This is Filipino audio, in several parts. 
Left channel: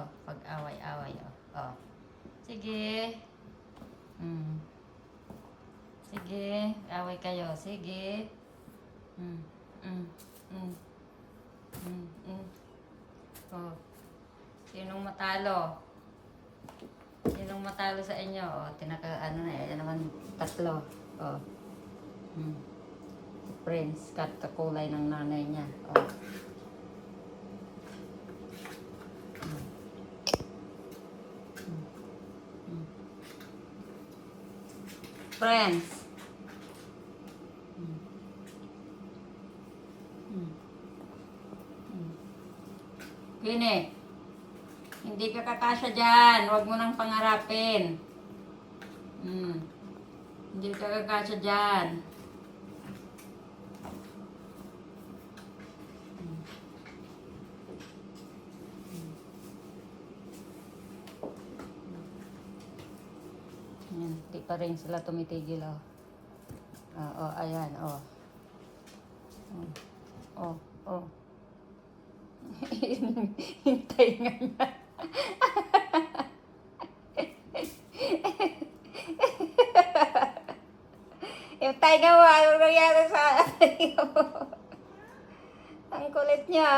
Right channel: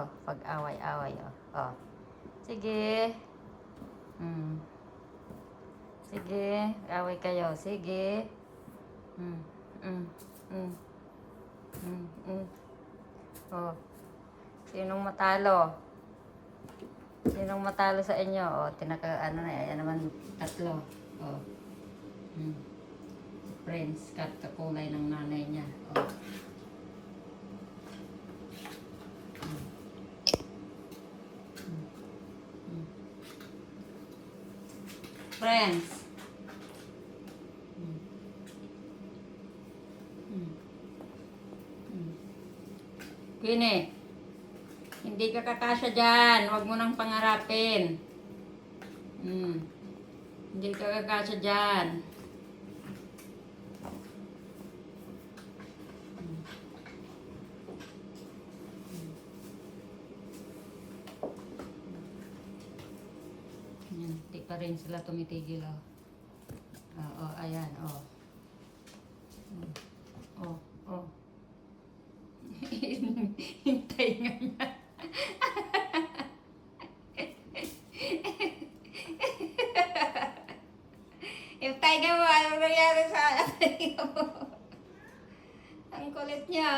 Oh, pag-away-away, oh. Oh. Sige. Sige, away kayo. Sige. Mm. Mm. Mm. Mm. Mm. Oh. Sinong matalo? Sinong matalo sa inyo? Oh, ano na, yan naman tatlo. Oh. Si Prince, kakulay ng nanay niya. Oh. Friends. Kini, hindi ka kakasya dyan. Huwag mo nang pangarapin. Hindi ka kakasya dyan. Hindi pa rin sila tumitigil, oh. Oh, ayan, oh. Oh, oh. Hintay nga niya. Yung tiger mo, ano nangyari sa tiger mo? Ang kulit niya,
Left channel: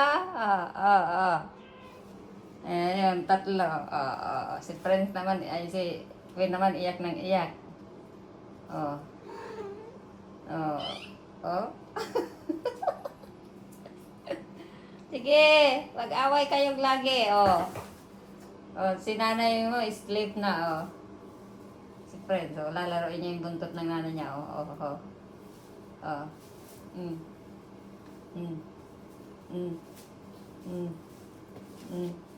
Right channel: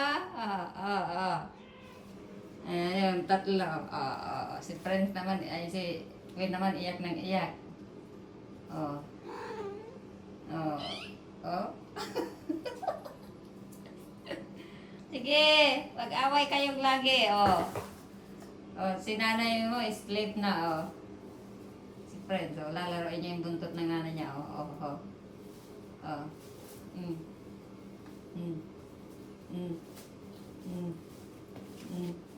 Ayan, tatlo. Si Prince naman, ay si Queen naman iyak ng iyak. Oh. Oh. Oh. Sige, wag-away kayong lagi, oh. Oh, si nanay mo, sleep na, oh. Si Prince, oh, lalaroin niya yung buntot ng nanay niya, oh. Oh. Oh. Mm. Mm. Mm. Mm. Mm.